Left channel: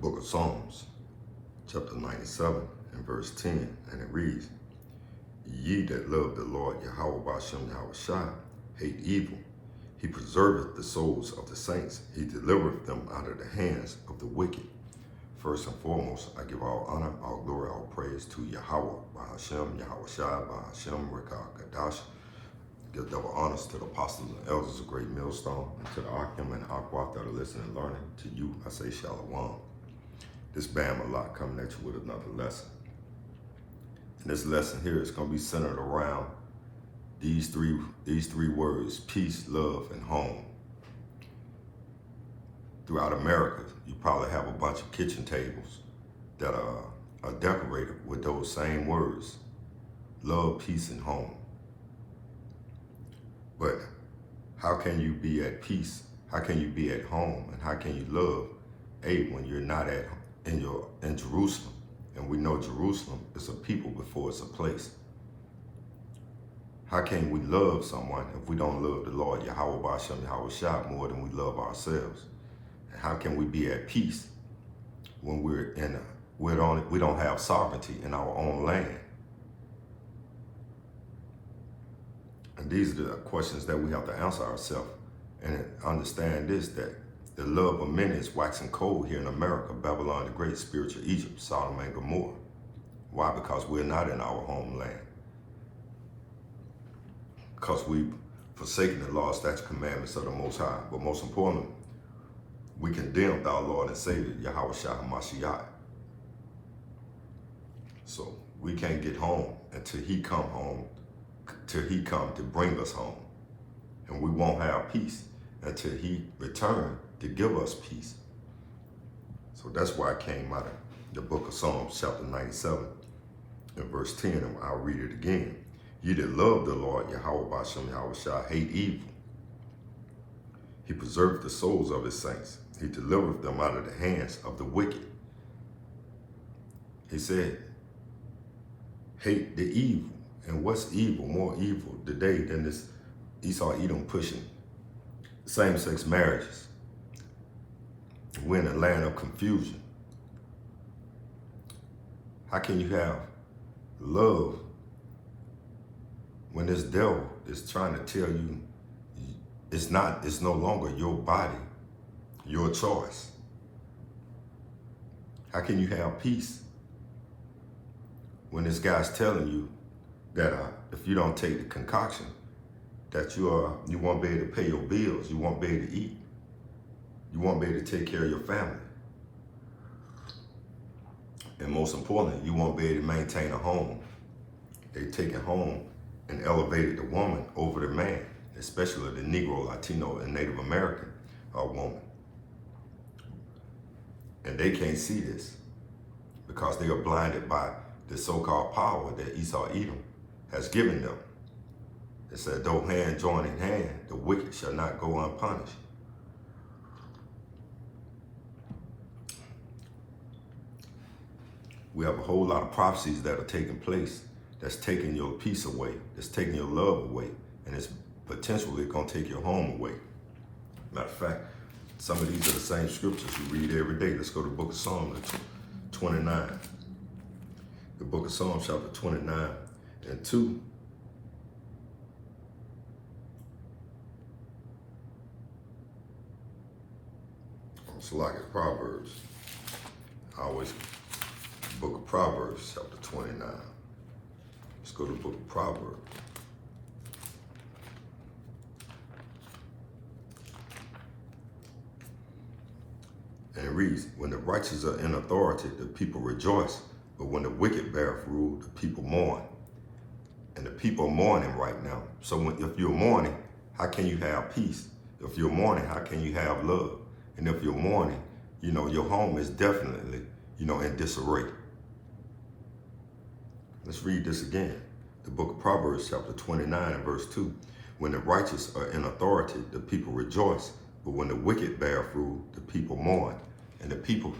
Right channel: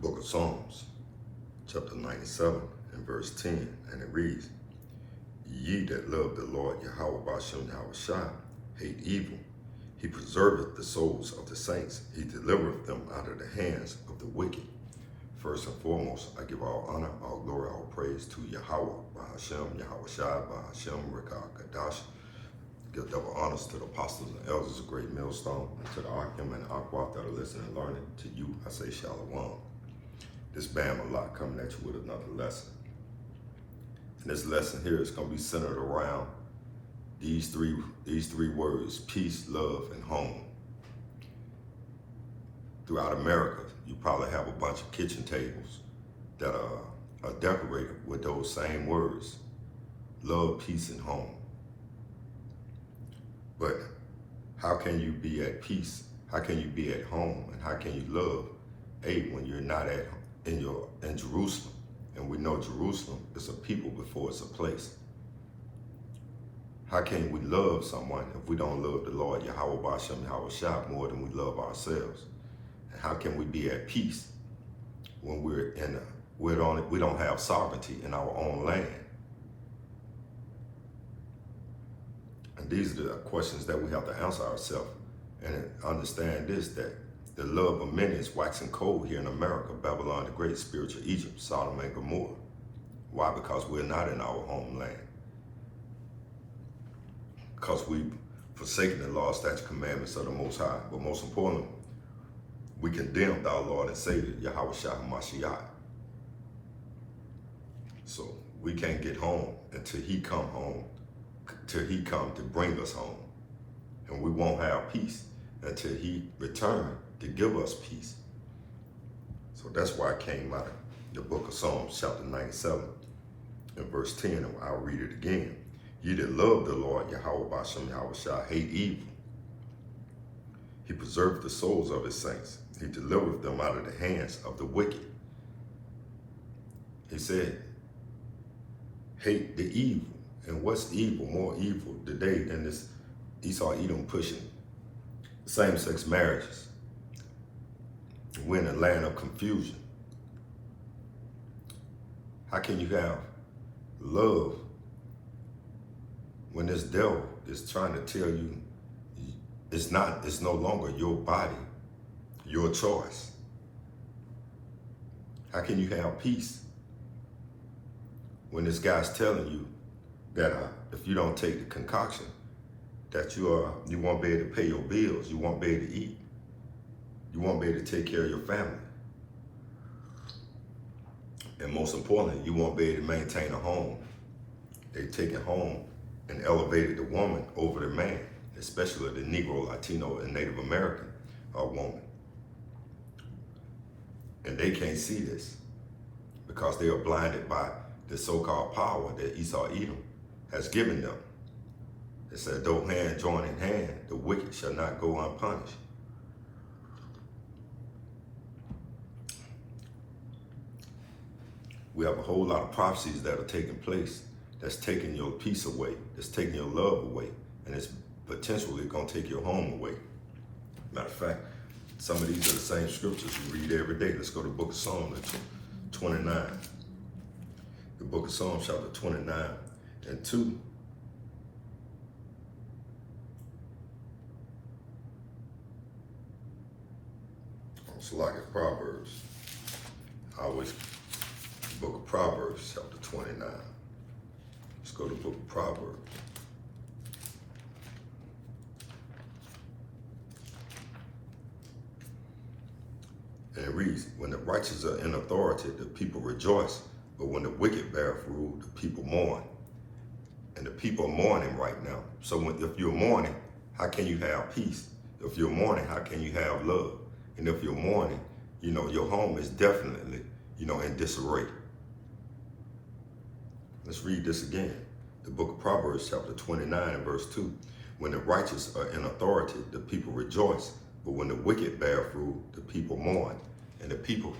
book of Psalms, chapter 97 and verse 10, and it reads, Ye that love the Lord Yahweh Bashem Yahushua hate evil. He preserveth the souls of the saints. He delivereth them out of the hands of the wicked. First and foremost, I give all honor, all glory, all praise to Yahweh, Bahashem, Yahushua, Bahashem, Rekah, Kadash. Give double honors to the apostles and elders of Great Millstone, and to the Akim and Aquat that are listening and learning. To you, I say Shalom. This Bam Allah coming at you with another lesson. And this lesson here is going to be centered around these three words: peace, love, and home. Throughout America, you probably have a bunch of kitchen tables that are decorated with those same words: love, peace, and home. But how can you be at peace? How can you be at home? And how can you love when you're not in Jerusalem? And we know Jerusalem is a people before it's a place. How can we love someone if we don't love the Lord Yahweh Bashem Yahushua more than we love ourselves? And how can we be at peace when we don't have sovereignty in our own land? And these are the questions that we have to answer ourselves, and understand this, that the love of many is waxing cold here in America, Babylon the Great, spiritual Egypt, Sodom and Gomorrah. Why? Because we're not in our homeland. Because we've forsaken the law, statutes, commandments of the Most High. But most importantly, we condemned our Lord and Savior, Yahweh Shah Mashiach. So we can't get home until He come home, till He come to bring us home. And we won't have peace until He return to give us peace. So that's why I came out of the book of Psalms, chapter 97, and verse 10, and I'll read it again. Ye that love the Lord, Yahweh Bashem Yahushua, hate evil. He preserved the souls of His saints. He delivered them out of the hands of the wicked. He said, hate the evil. And what's evil? More evil today than this Esau Edom pushing same-sex marriages. We're in a land of confusion. How can you have love when this devil is trying to tell you it's no longer your body, your choice? How can you have peace when this guy's telling you that if you don't take the concoction, that you won't be able to pay your bills, you won't be able to eat, you won't be able to take care of your family, and most importantly, you won't be able to maintain a home. They take it home and elevated the woman over the man, especially the Negro, Latino, and Native American woman. And they can't see this because they are blinded by the so-called power that Esau Edom has given them. It said, though hand join in hand, the wicked shall not go unpunished. We have a whole lot of prophecies that are taking place that's taking your peace away, that's taking your love away, and it's potentially going to take your home away. Matter of fact, some of these are the same scriptures you read every day. Let's go to the book of Psalms 29. The book of Psalms, chapter 29 and 2. It's like Proverbs. Book of Proverbs, chapter 29. Let's go to the book of Proverbs. And it reads, when the righteous are in authority, the people rejoice. But when the wicked beareth rule, the people mourn. And the people are mourning right now. So if you're mourning, how can you have peace? If you're mourning, how can you have love? And if you're mourning, your home is definitely, in disarray. Let's read this again. The book of Proverbs, chapter 29, and verse 2. When the righteous are in authority, the people rejoice. But when the wicked beareth rule, the people mourn. And the people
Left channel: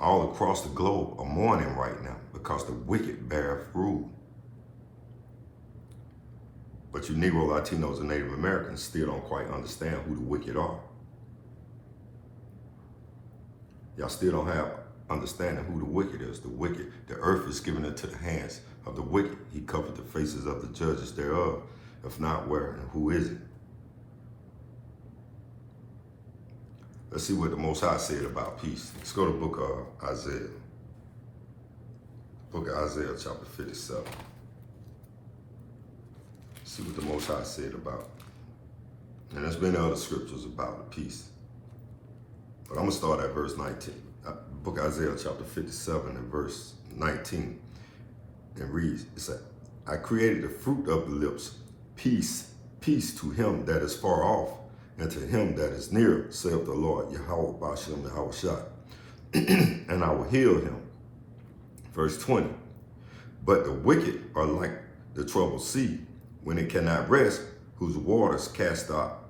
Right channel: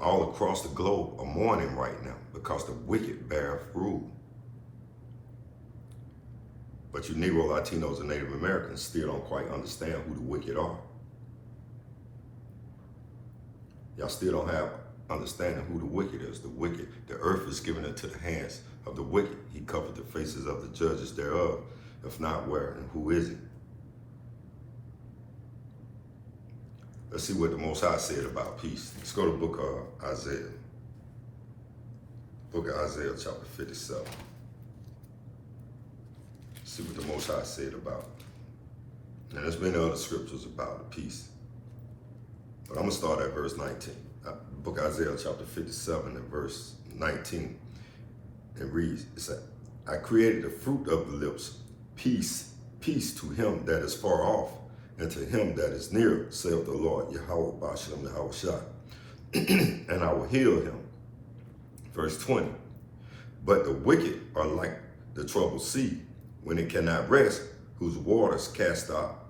all across the globe are mourning right now because the wicked beareth rule. But you Negro, Latinos, and Native Americans still don't quite understand who the wicked are. Y'all still don't have understanding who the wicked is. The wicked, the earth is given into the hands of the wicked. He covered the faces of the judges thereof. If not, where and who is it? Let's see what the Most High said about peace. Let's go to the book of Isaiah. Book of Isaiah, chapter 57. See what the Most High said about it. And there's many other scriptures about peace. But I'm going to start at verse 19. Book of Isaiah, chapter 57, and verse 19. It reads, it said, I created the fruit of the lips, peace, peace to him that is far off, and to him that is near, saith the Lord, Yahweh Bashem Yahweh Shai, and I will heal him. Verse 20, but the wicked are like the troubled sea, when it cannot rest, whose waters cast up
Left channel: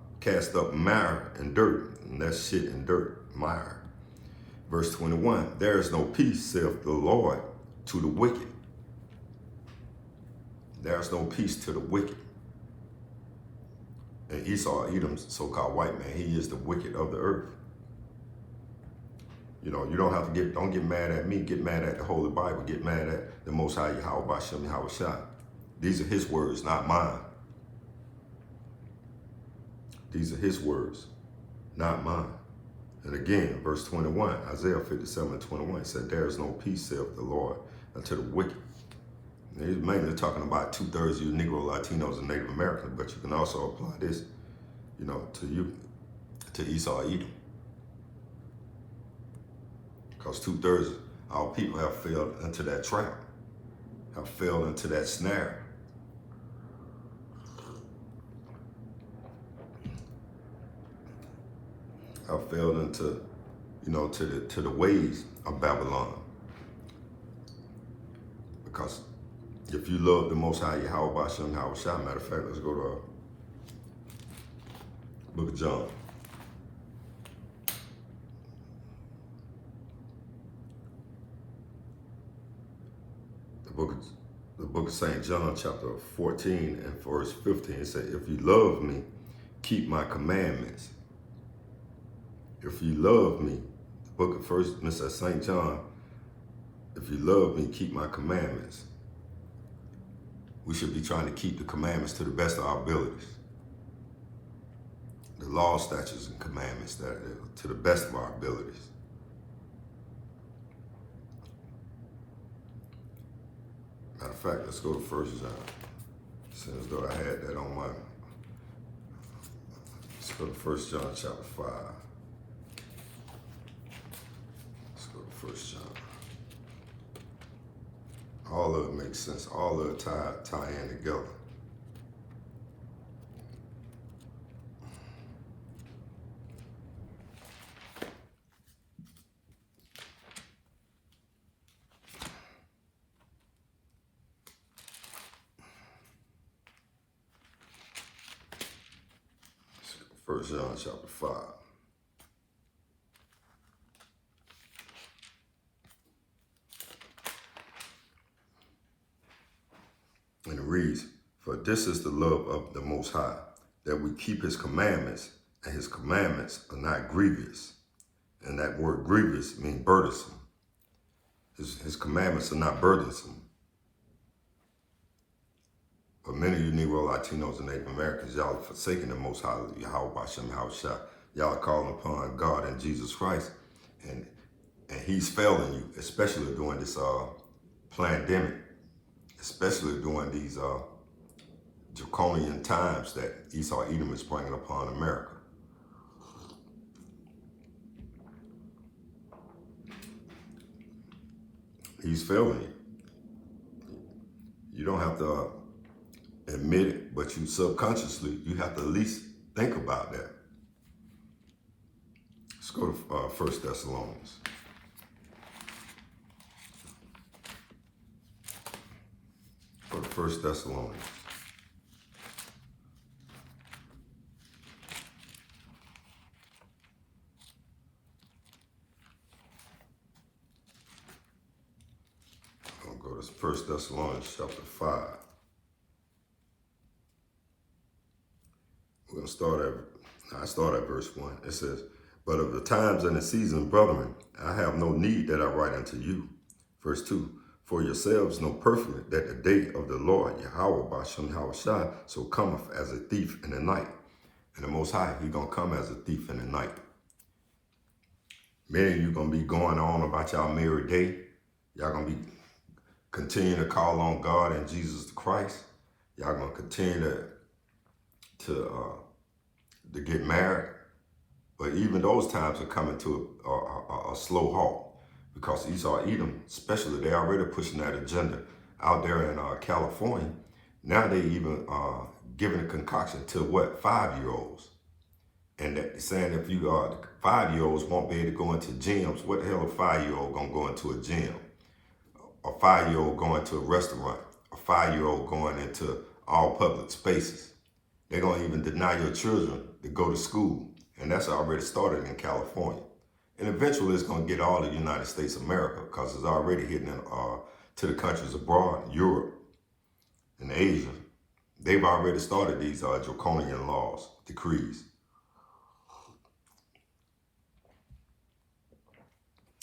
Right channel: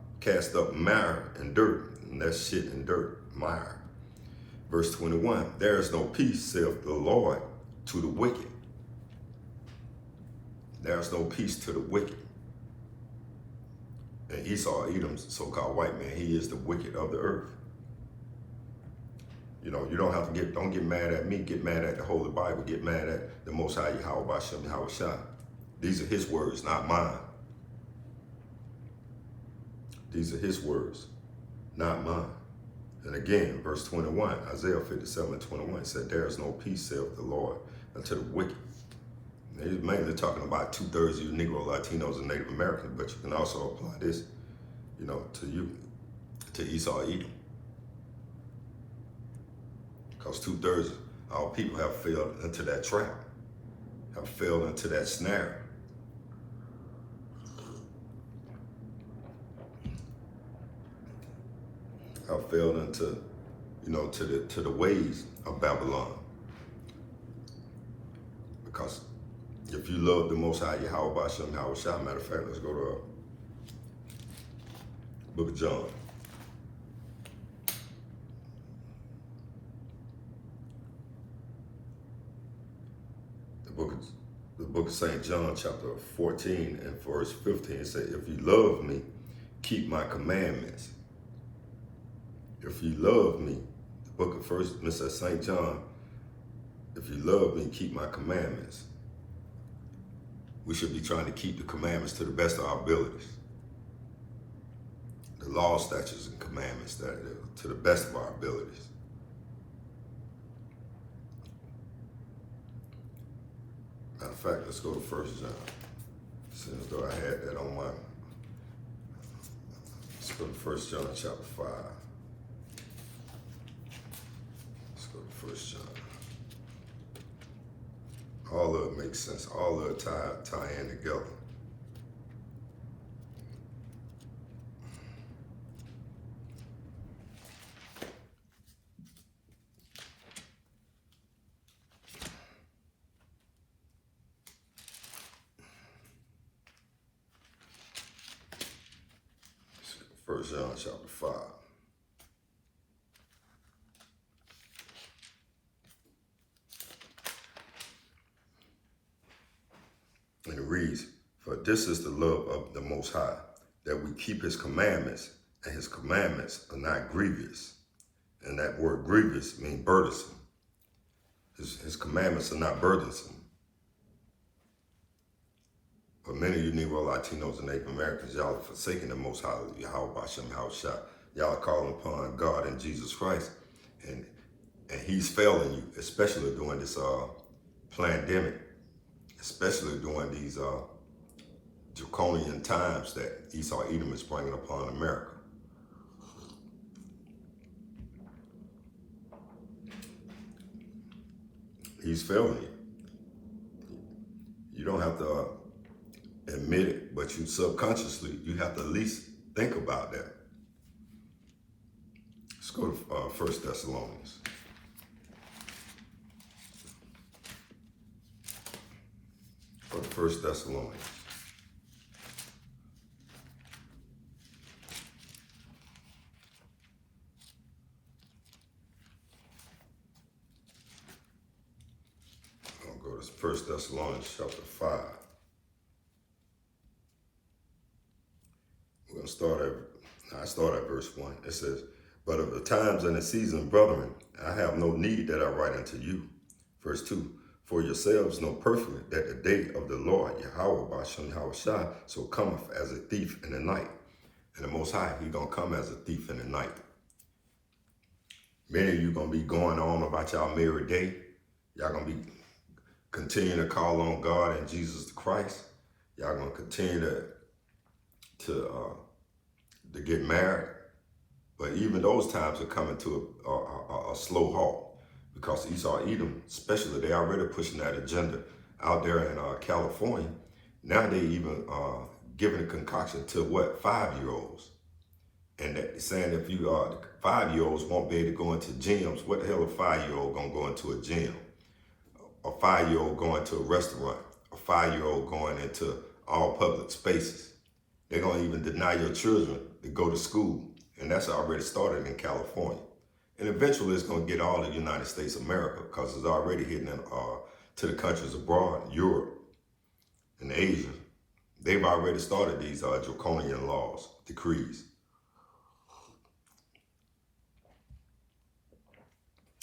mire and dirt, and that's shit and dirt, mire. Verse 21, there is no peace, saith the Lord, to the wicked. There is no peace to the wicked. And Esau, Edom's so-called white man, he is the wicked of the earth. You know, you don't have to don't get mad at me, get mad at the Holy Bible, get mad at the Most High Yahweh Bashem Yahweh Shai. These are his words, not mine. These are his words, not mine. And again, verse 21, Isaiah 57:21 said, there is no peace, saith the Lord, unto the wicked. And he's mainly talking about 2/3 of you Negro, Latinos, and Native Americans, but you can also apply this, you know, to you, to Esau, Edom. Because 2/3 of our people have fell into that trap, have fell into that snare. Have fell into, you know, to the ways of Babylon. Because if you love the Most High Yahweh Bashem Yahweh Shai, matter of fact, let's go to Book of John. The book of St. John, chapter 14 and verse 15, it says, if you love me, keep my commandments. If you love me, the book of First, it says St. John, if you love me, keep my commandments. We should be trying to keep the commandments to the best of our abilities. The law, statutes, and commandments to the best of our abilities. Matter of fact, let's go to 1 John. Since though I had that on my, let's go to 1 John chapter 5. Let's go to 1 John. All of it makes sense. All of it tie in together. First John chapter 5. And it reads, for this is the love of the Most High, that we keep his commandments, and his commandments are not grievous. And that word grievous means burdensome. His commandments are not burdensome. But many of you Negro, Latinos, and Native Americans, y'all are forsaking the Most High, Yahweh Bashem Yahweh Shai. Y'all are calling upon God and Jesus Christ, and he's failing you, especially during this pandemic, especially during these draconian times that Esau Edom is bringing upon America. He's failing you. You don't have to admit it, but you subconsciously, you have to at least think about that. Let's go to 1 Thessalonians. Go to 1 Thessalonians. I'll go to 1 Thessalonians chapter 5. We're going to start at verse 1. It says, But of the times and the seasons, brethren, I have no need that I write unto you. Verse 2, for yourselves know perfectly that the day of the Lord, Yahweh Bashem Yahushua, so cometh as a thief in the night. And the Most High, He's going to come as a thief in the night. Many of you going to be going on about y'all married day. Y'all going to be continuing to call on God and Jesus Christ. Y'all going to continue to get married. But even those times are coming to a slow halt, because Esau, Edom, especially, they already pushing that agenda out there in California. Now they even giving a concoction to what, 5-year-olds, and that saying if you 5-year-olds won't be able to go into gyms. What the hell a 5-year-old gonna go into a gym? A 5-year-old going to a restaurant? A 5-year-old going into all public spaces? They don't even deny your children to go to school. And that's already started in California. And eventually it's going to get all the United States of America, because it's already hitting to the countries abroad, Europe and Asia. They've already started these draconian laws, decrees.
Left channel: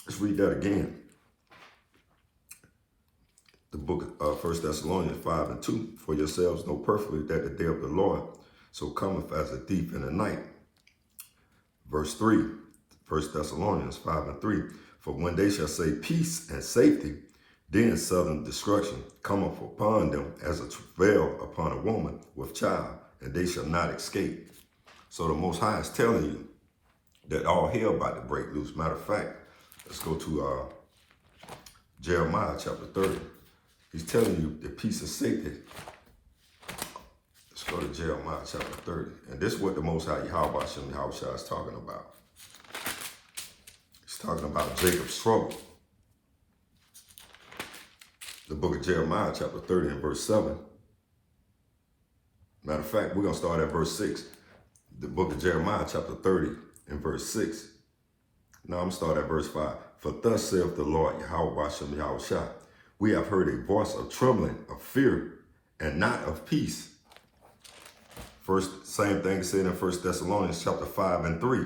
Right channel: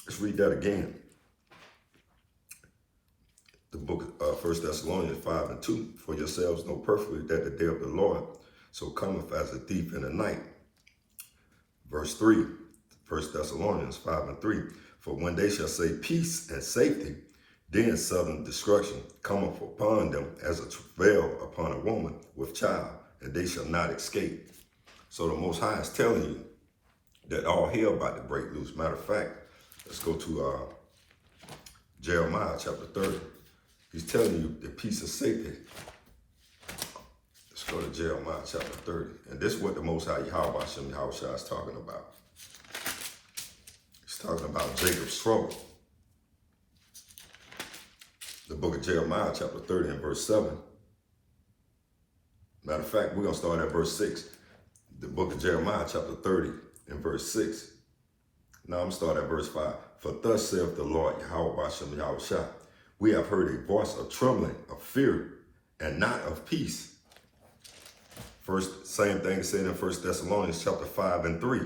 Let's read that again. The book of 1 Thessalonians 5 and 2. For yourselves know perfectly that the day of the Lord so cometh as a thief in the night. Verse 3, 1 Thessalonians 5 and 3. For when they shall say peace and safety, then sudden destruction cometh upon them as a travail upon a woman with child, and they shall not escape. So the Most High is telling you that all hell about to break loose. Matter of fact, let's go to Jeremiah chapter 30. He's telling you that peace and safety. Let's go to Jeremiah chapter 30. And this is what the Most High Yahweh Hashem Yahushua is talking about. He's talking about Jacob's trouble. The book of Jeremiah chapter 30 and verse 7. Matter of fact, we're going to start at verse 6. The book of Jeremiah chapter 30 and verse 6. Now I'm starting at verse 5. For thus saith the Lord Yahweh Hashem Yahushua, we have heard a voice of trembling, of fear, and not of peace. First, same thing said in 1 Thessalonians chapter 5 and 3.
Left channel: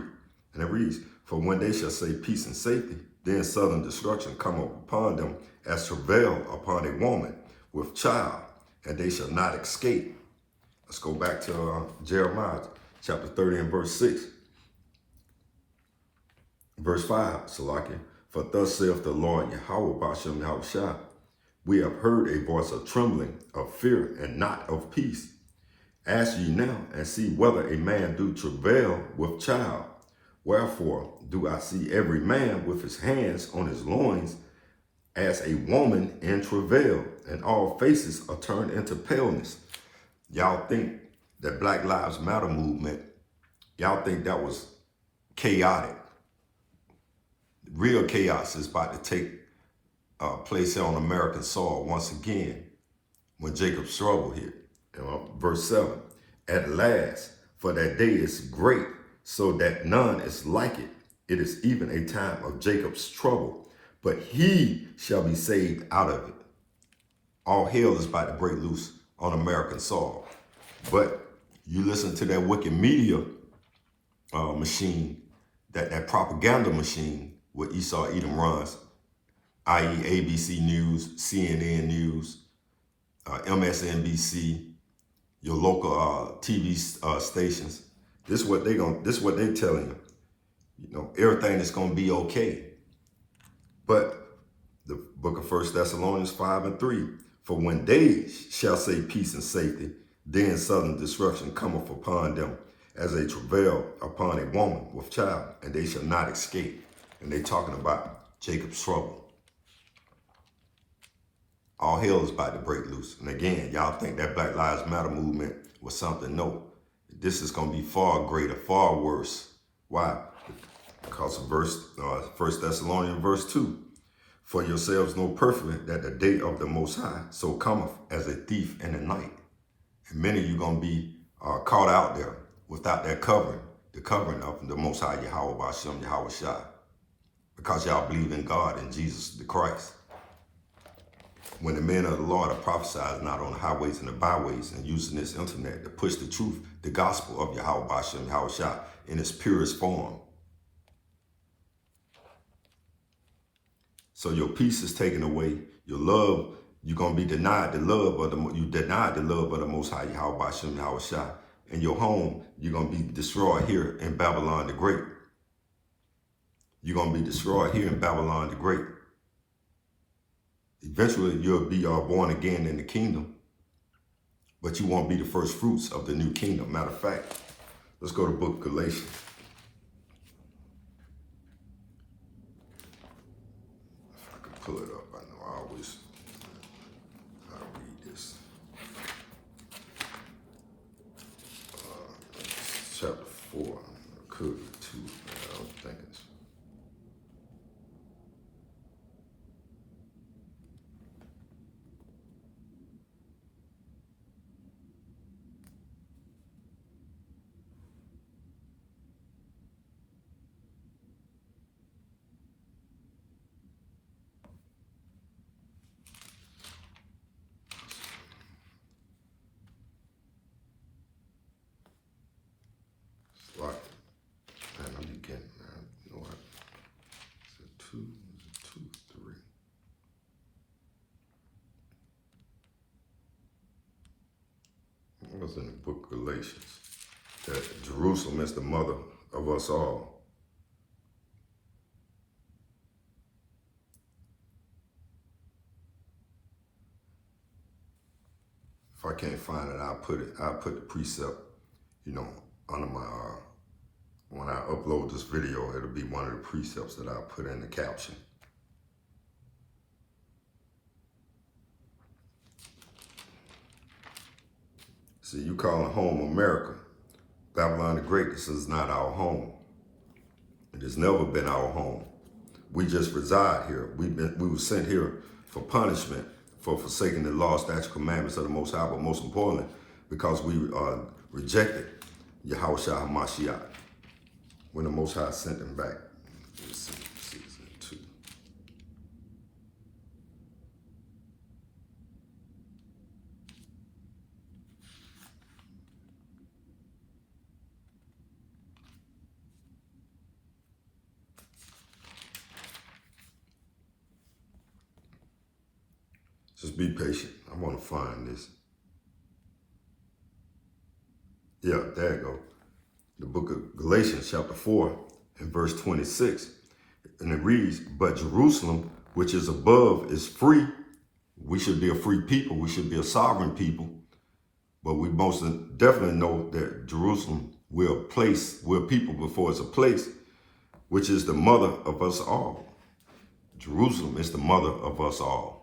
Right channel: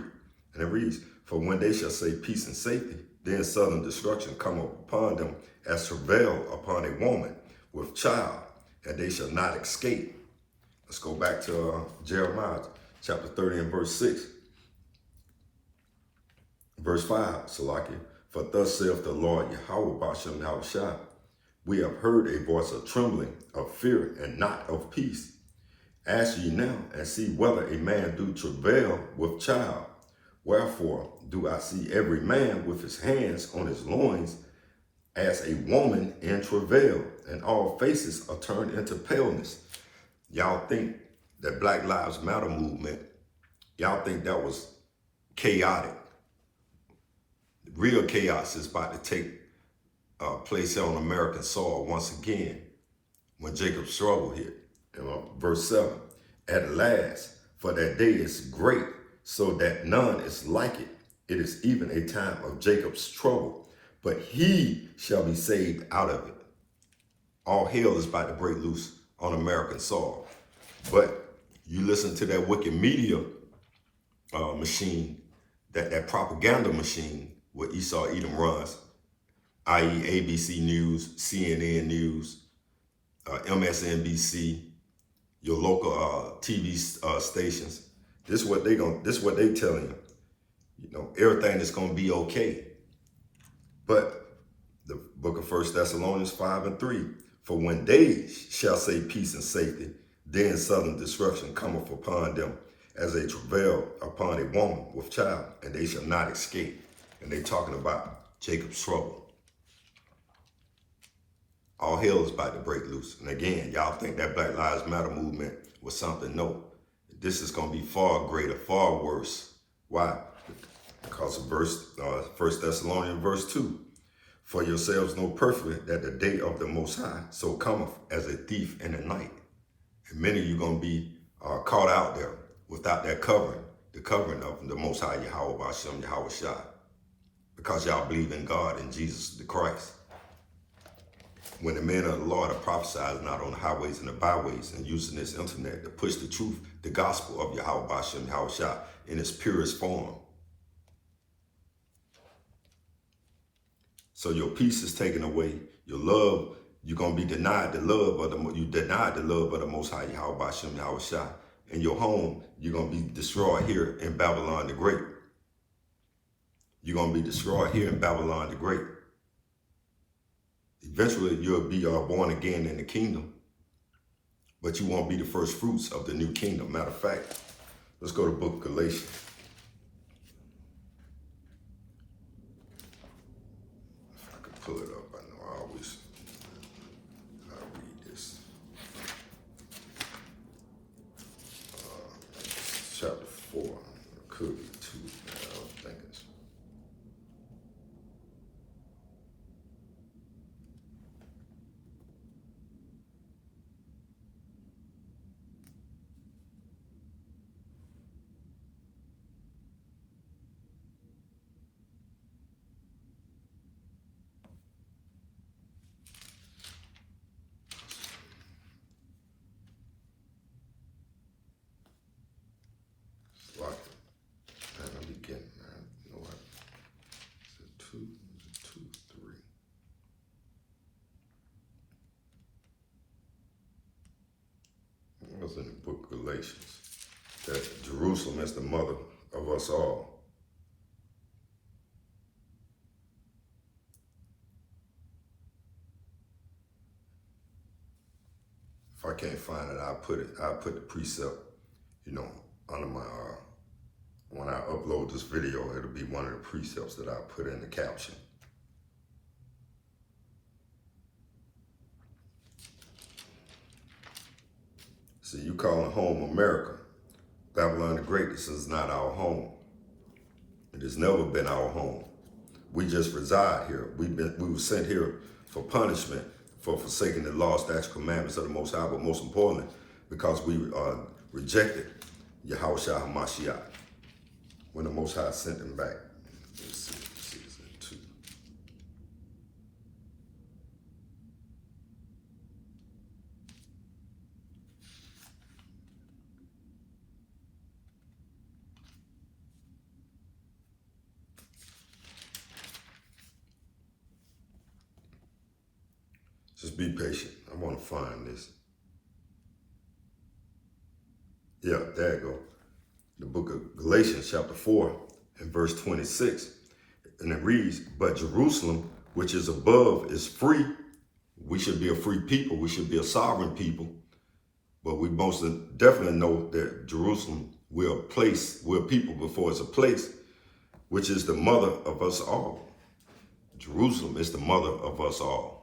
And it reads, for when they shall say peace and safety, then sudden destruction come upon them as travail upon a woman with child, and they shall not escape. Let's go back to Jeremiah chapter 30 and verse 6. Verse 5, Salaki, for thus saith the Lord Yahweh Bashem Yahushua, we have heard a voice of trembling, of fear, and not of peace. Ask ye now, and see whether a man do travail with child. Wherefore do I see every man with his hands on his loins as a woman in travail, and all faces are turned into paleness. Y'all think that Black Lives Matter movement, y'all think that was chaotic. Real chaos is about to take place here on American soil once again when Jacob's struggle hit. Verse 7, at last, for that day is great, so that none is like it. It is even a time of Jacob's trouble, but he shall be saved out of it. All hell is about to break loose on American soil. But you listen to that wicked media machine, that propaganda machine what Esau Edom runs, i.e. ABC News, CNN News, MSNBC, your local TV stations. This is what they telling you. You know, everything is going to be okay. But the book of 1 Thessalonians 5 and 3, for when they shall say peace and safety, then sudden destruction cometh upon them as a travail upon a woman with child, and they shall not escape. And they talking about Jacob's trouble. All hell is about to break loose. And again, y'all think that Black Lives Matter movement was something. No, this is going to be far greater, far worse. Why? Because of 1 Thessalonians verse 2. For yourselves know perfectly that the day of the Most High so cometh as a thief in the night. And many of you going to be caught out there without that covering, the covering of the Most High Yahweh Bashem Yahushua. Because y'all believe in God and Jesus the Christ. When the men of the Lord are prophesying not on the highways and the byways and using this internet to push the truth, the gospel of Yahweh Bashem Yahushua in its purest form. So your peace is taken away. Your love, you're gonna be denied the love of you denied the love of the Most High Yahweh Bashem Yahweh Shah. In your home, you're gonna be destroyed here in Babylon the Great. You're gonna be destroyed here in Babylon the Great. Eventually, you'll be born again in the kingdom, but you won't be the first fruits of the new kingdom. Matter of fact, let's go to the book of Galatians. If I could pull it up, I know I always read this. Chapter 4, could 2, I don't think it's. In the book of Galatians, that Jerusalem is the mother of us all. If I can't find it, I'll put the precept, under my, when I upload this video, it'll be one of the precepts that I put in the caption. See, you call home America. Babylon the Great, this is not our home. It has never been our home. We just reside here. We were sent here for punishment, for forsaking the law, statutes, commandments of the Most High, but most importantly, because we rejected Yahweh Shah HaMashiach when the Most High sent him back. Let's see, season 2. Just be patient. I want to find this. Yeah, there you go. The book of Galatians, chapter 4, and verse 26. And it reads, but Jerusalem, which is above, is free. We should be a free people. We should be a sovereign people. But we most definitely know that Jerusalem, we're people before it's a place, which is the mother of us all. Jerusalem is the mother of us all.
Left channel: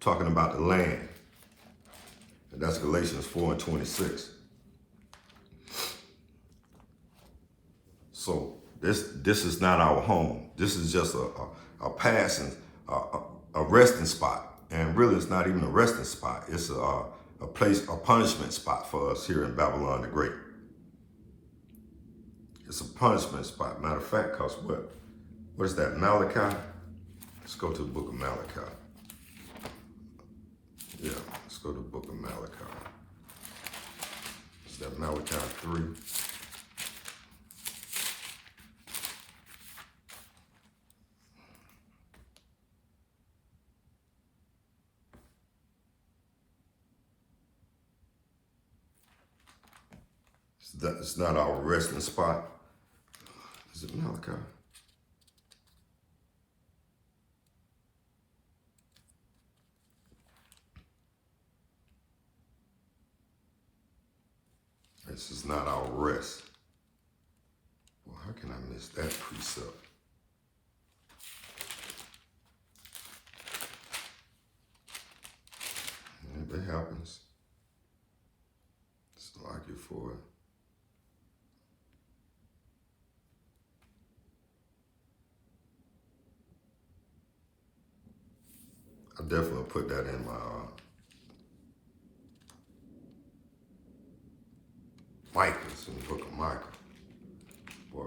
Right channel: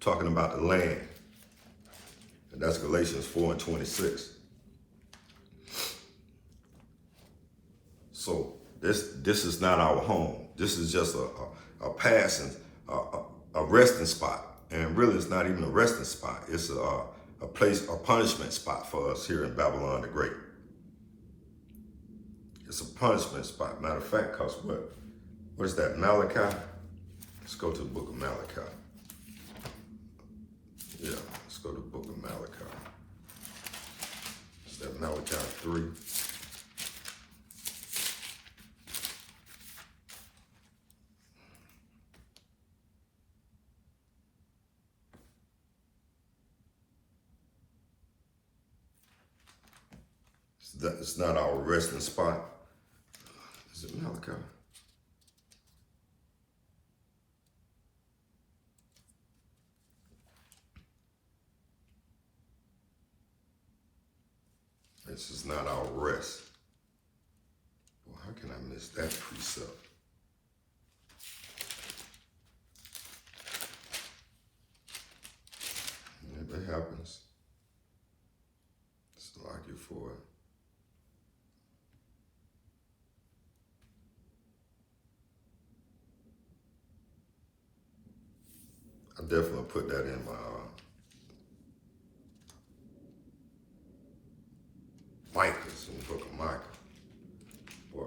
Talking about the land. And that's Galatians 4 and 26. So this is not our home. This is just a passing, a resting spot. And really it's not even a resting spot. It's a place, a punishment spot for us here in Babylon the Great. It's a punishment spot. Matter of fact, because what is that, Malachi? Let's go to the book of Malachi. Yeah, let's go to the book of Malachi. Is that Malachi 3? It's not our resting spot. Is it Malachi? This is not our rest. Well, how can I miss that precept? If that happens, it's like you for it. I definitely put that in my Micah's in the book of Micah. Boy,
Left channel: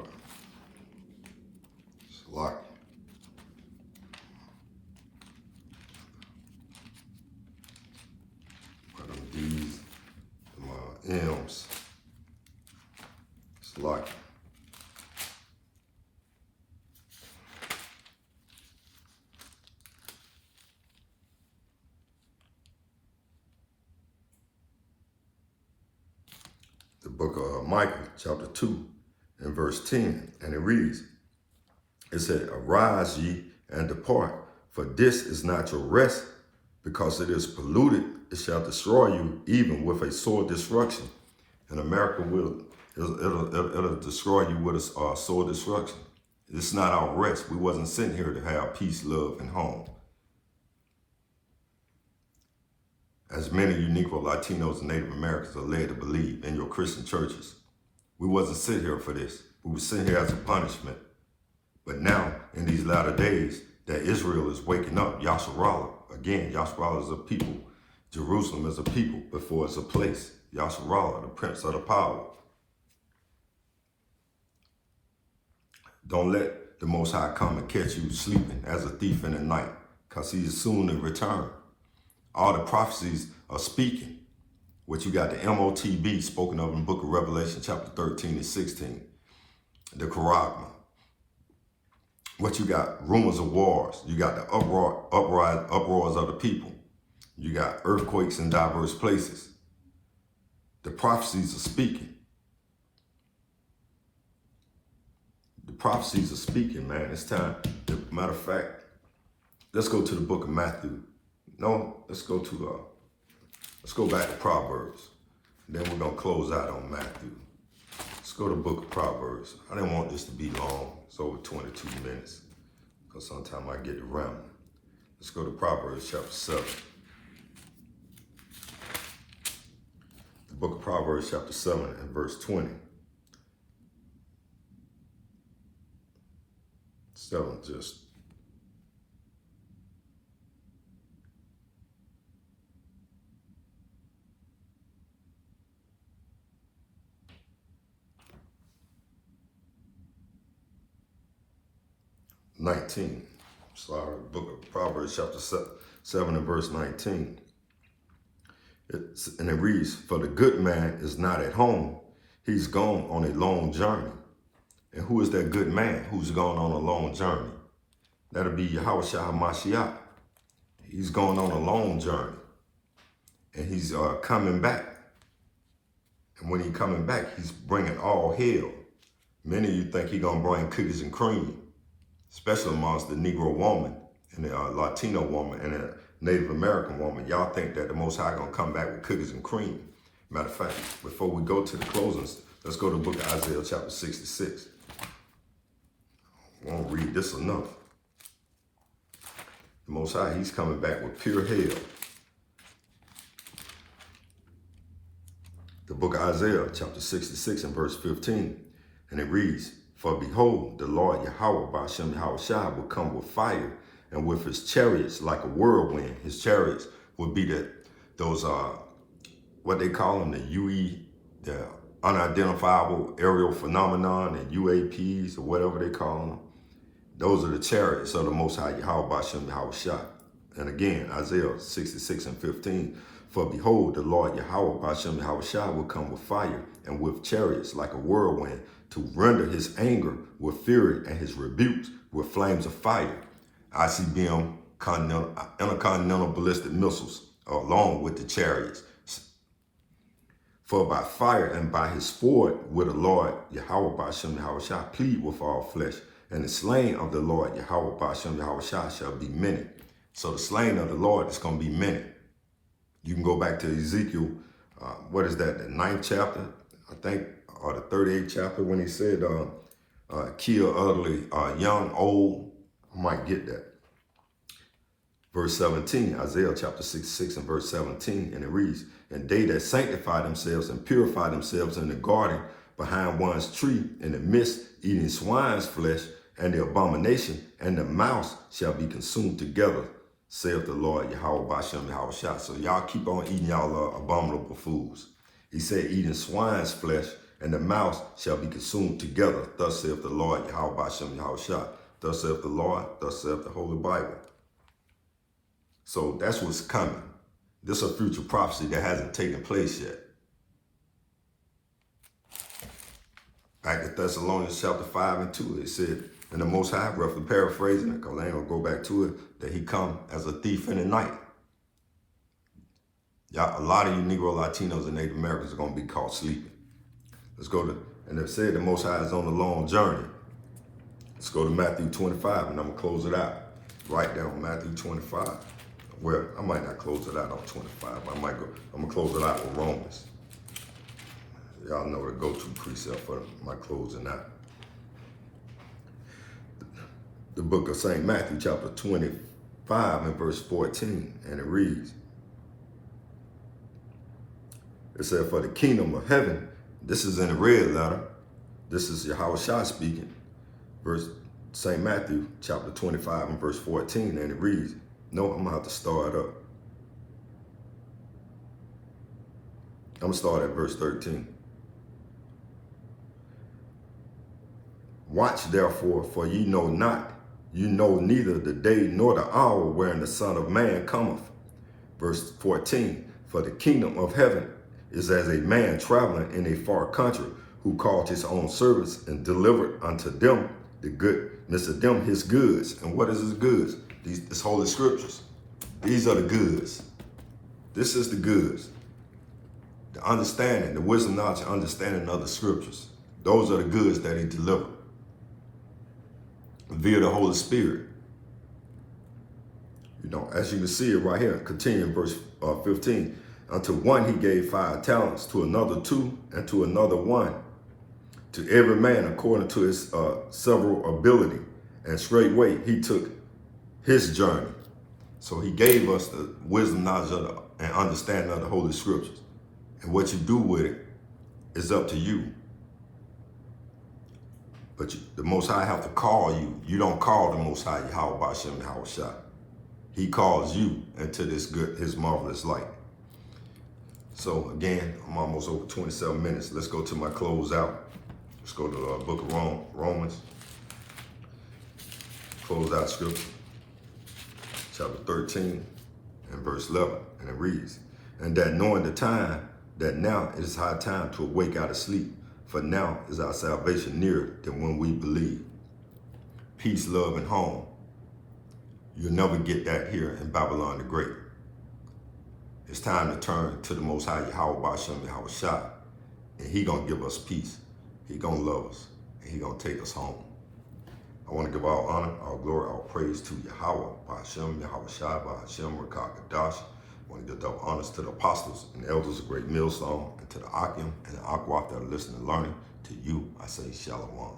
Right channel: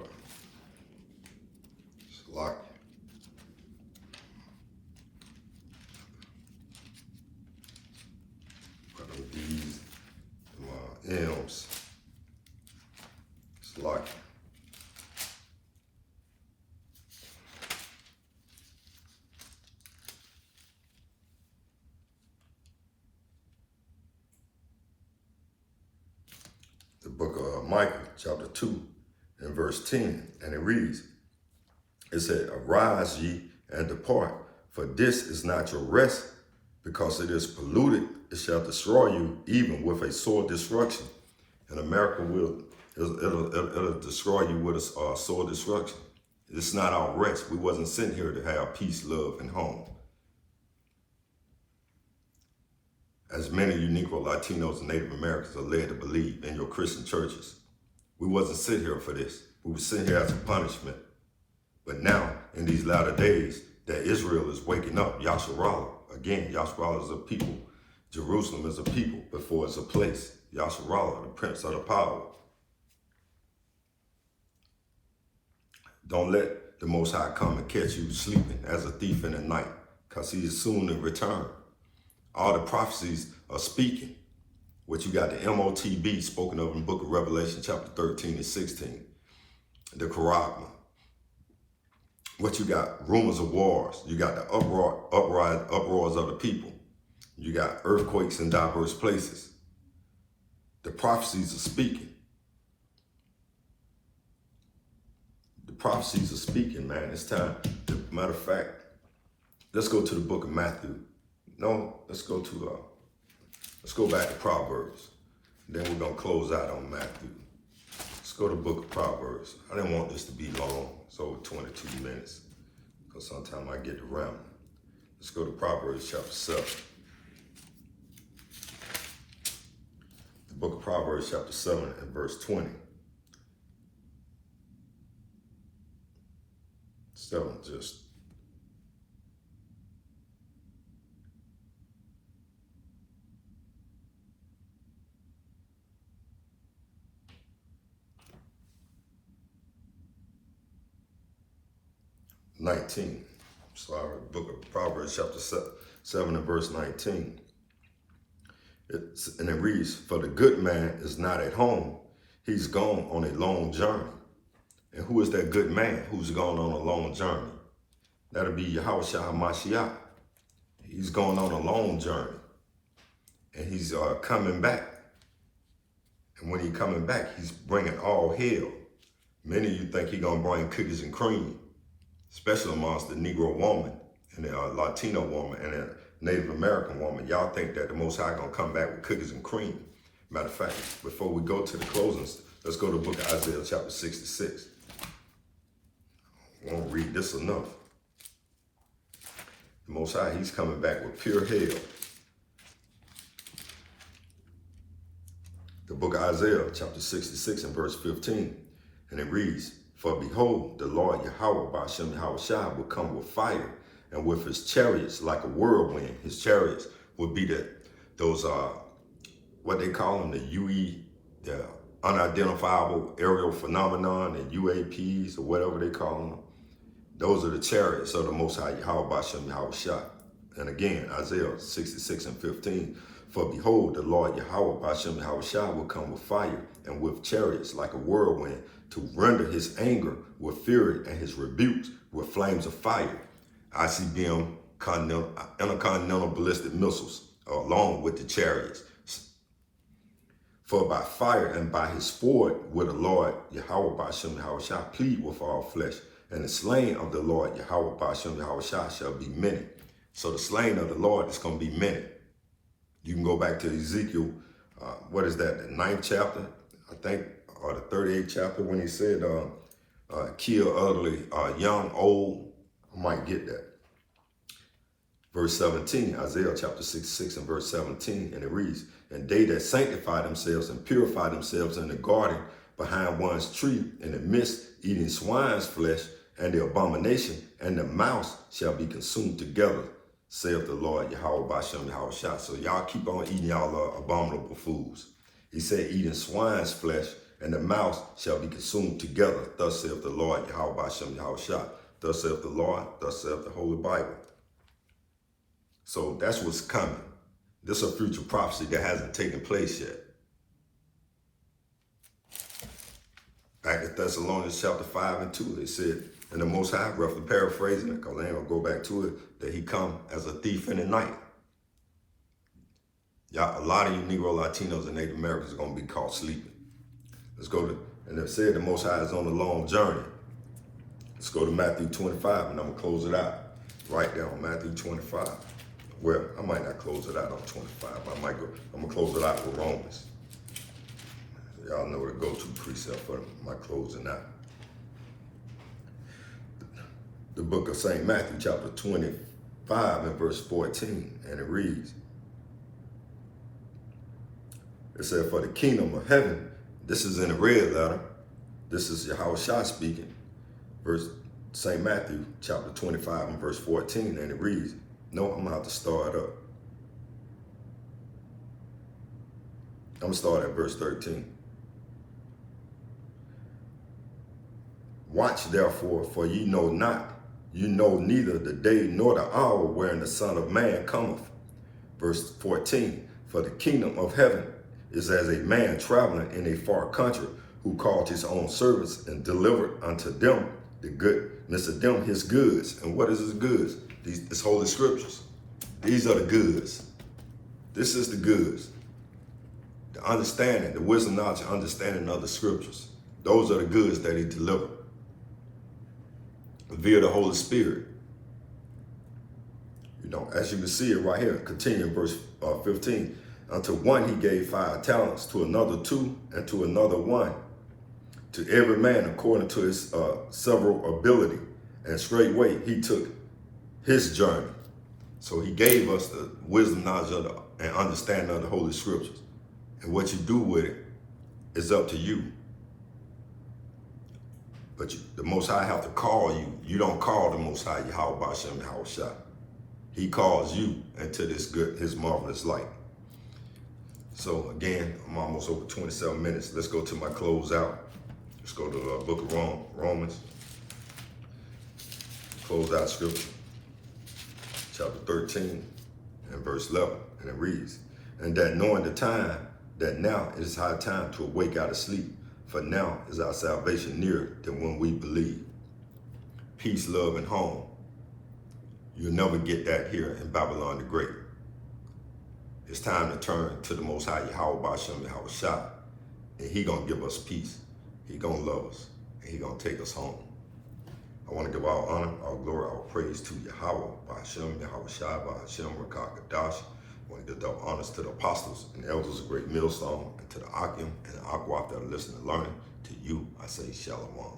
it's a lot. What are these M's? It's a lot. Micah chapter 2 and verse 10, and it reads, it said, arise ye and depart, for this is not your rest, because it is polluted, it shall destroy you, even with a sore destruction. And America it'll destroy you with a sore destruction. It's not our rest. We wasn't sent here to have peace, love, and home. As many Negro, Latinos, and Native Americans are led to believe in your Christian churches. We wasn't sent here for this. We were sent here as a punishment. But now, in these latter days, that Israel is waking up, Yasharallah. Again, Yasharallah is a people. Jerusalem is a people before it's a place. Yasharallah, the prince of the power. Don't let the Most High come and catch you sleeping as a thief in the night, because he is soon to return. All the prophecies are speaking. What you got, the MOTB spoken of in the book of Revelation, chapter 13 and 16. The Quran. What you got, rumors of wars. You got the uproars of the people. You got earthquakes in diverse places. The prophecies are speaking. The prophecies are speaking, man. It's time. Matter of fact, let's go to the book of Matthew. No, let's go back to Proverbs. Then we're gonna close out on Matthew. Let's go to the book of Proverbs. I didn't want this to be long. It's over 22 minutes. Because sometimes I get around. Let's go to Proverbs chapter 7. The book of Proverbs chapter 7 and verse 20. 7 just. Book of Proverbs chapter 7 and verse 19. And it reads, for the good man is not at home, he's gone on a long journey. And who is that good man who's gone on a long journey? That'll be Yahushua HaMashiach. He's going on a long journey. And he's coming back. And when he's coming back, he's bringing all hell. Many of you think he's going to bring cookies and cream, especially amongst the Negro woman and the Latino woman and the Native American woman. Y'all think that the Most High going to come back with cookies and cream. Matter of fact, before we go to the closings, let's go to the book of Isaiah chapter 66. I won't read this enough. The Most High, he's coming back with pure hell. The book of Isaiah chapter 66 and verse 15. And it reads, for behold, the Lord Yahweh Ba'ashem Yahushua will come with fire, and with his chariots like a whirlwind. His chariots would be those what they call them, the UE, the unidentifiable aerial phenomenon, and UAPs, or whatever they call them. Those are the chariots of the Most High Yahweh Ba'ashem Yahushua. And again, Isaiah 66 and 15. For behold, the Lord Yahweh Ba'ashem Yahushua will come with fire, and with chariots like a whirlwind, to render his anger with fury and his rebukes with flames of fire. ICBM intercontinental ballistic missiles along with the chariots. For by fire and by his sword will the Lord Yahweh Ba'ashem Yahushua plead with all flesh, and the slain of the Lord Yahweh Ba'ashem Yahushua shall be many. So the slain of the Lord is going to be many. You can go back to Ezekiel, what is that, the 9th chapter, I think, or the 38th chapter, when he said, kill utterly, young, old. I might get that. Verse 17, Isaiah chapter 66 and verse 17, and it reads, and they that sanctify themselves and purify themselves in the garden behind one's tree, in the midst, eating swine's flesh, and the abomination and the mouse shall be consumed together, saith the Lord Yahweh Ba'ashem Yahushua. So y'all keep on eating y'all abominable foods. He said, eating swine's flesh, and the mouse shall be consumed together. Thus saith the Lord Yahweh Ba'ashem Yahushua. Thus saith the Lord, thus saith the Holy Bible. So that's what's coming. This is a future prophecy that hasn't taken place yet. Back in Thessalonians chapter 5 and 2, it said, and the Most High, roughly paraphrasing it, because I ain't gonna go back to it, that he come as a thief in the night. Y'all, a lot of you Negro, Latinos, and Native Americans are gonna be caught sleeping. Let's go to, and it said the Most High is on a long journey. Let's go to Matthew 25, and I'm going to close it out right there on Matthew 25. Well, I might not close it out on 25. I'm going to close it out with Romans. Y'all know the go-to precept for my closing out. The book of St. Matthew, chapter 25 and verse 14, and it reads, it said, for the kingdom of heaven, this is in the red letter, this is Yahushua speaking, verse St. Matthew, chapter 25 and verse 14, and it reads, no, I'm about to start up. I'm going to start at verse 13. Watch therefore, for ye know not, you know neither the day nor the hour wherein the Son of Man cometh. Verse 14, for the kingdom of heaven is as a man traveling in a far country, who called his own servants and delivered unto them the goodness of them his goods. And what is his goods? These holy scriptures. These are the goods. This is the goods. The understanding, the wisdom, knowledge, and understanding of the scriptures. Those are the goods that he delivered via the Holy Spirit. You know, as you can see it right here, continuing verse 15. Unto one he gave 5 talents, to another 2, and to another 1. To every man according to his several ability. And straightway he took his journey. So he gave us the wisdom, knowledge, and understanding of the Holy Scriptures. And what you do with it is up to you. But the Most High have to call you. You don't call the Most High Yahweh Bashem Yahushua. He calls you into this good, his marvelous light. So again, I'm almost over 27 minutes. Let's go to my closeout. Let's go to the book of Romans. Close out scripture. Chapter 13 and verse 11. And it reads, and that knowing the time, that now is high time to awake out of sleep. For now is our salvation nearer than when we believe. Peace, love, and home. You'll never get that here in Babylon the Great. It's time to turn to the Most High Yahweh Bashem Yahushua, and he gonna give us peace. He gonna love us, and he gonna take us home. I want to give all honor, all glory, all praise to Yahweh Bashem Yahushua, Bashem Rakakadash. I want to give double honors to the apostles and elders of Great Millstone, and to the Akim and the Aquat that are listening and learning. To you, I say Shalom.